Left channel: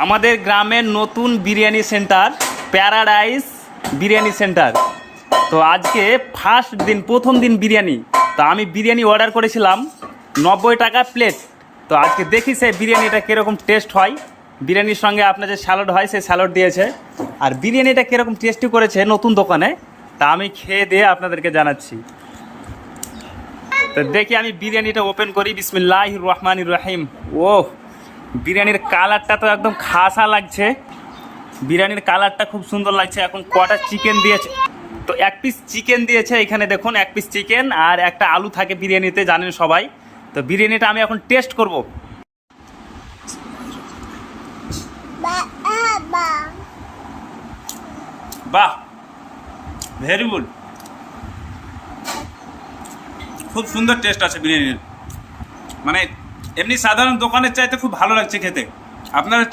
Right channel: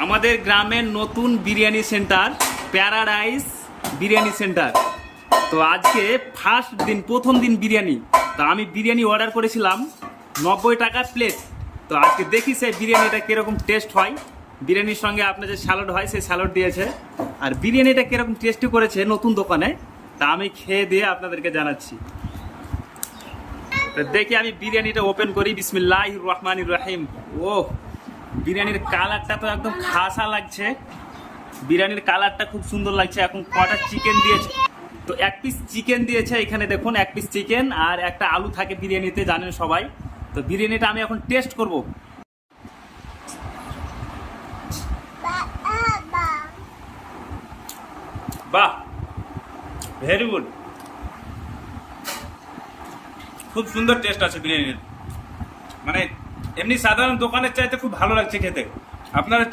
আমাদের গ্রামের নতুন biryani centre paradise biryani centre. তো আজকে ফার্স্ট দিন, প্রথম দিন বিরিয়ানি। তো আমি বিরিয়ানি অর্ডার করেছিলাম 90 টাকা প্লেট। তো আজকে দেখি সে বিরিয়ানিটা কীরকম টেস্ট হয়। বিরিয়ানির সঙ্গে আপনার যে স্যালাড হয় সেই স্যালাড দিয়েছে। আর বিরিয়ানিটা কীরকম টেস্টি করেছে নতুন দোকানে, তা আমি খেয়ে দিয়ে আপনাদেরকে জানাচ্ছি। তো দেখি আমি বিরিয়ানিটা ওপেন করি। বিসমিল্লাহির রহমানির রহিম। ওহ, বিরিয়ানির কালারটা তো একদম খাসা লাগছে। বিরিয়ানির কালারটা খুব সুন্দর লাগছে। এখন কটা চিকেন দিয়েছে, তো এক পিস চিকেন দিয়েছে এখানে দেখুন, এক পিস চিকেন আর একটা আলু থাকে বিরিয়ানিতে, জানেন সবাই। তো বিরিয়ানিটা আমি এখন টেস্ট করব। বাহ, ভেরি গুড, খুব সুন্দর টেস্ট আছে বিরিয়ানির। মানে এমনি সাধারণ দোকানের চাইতে খুব ভালো লাগছে খেতে। আপনারা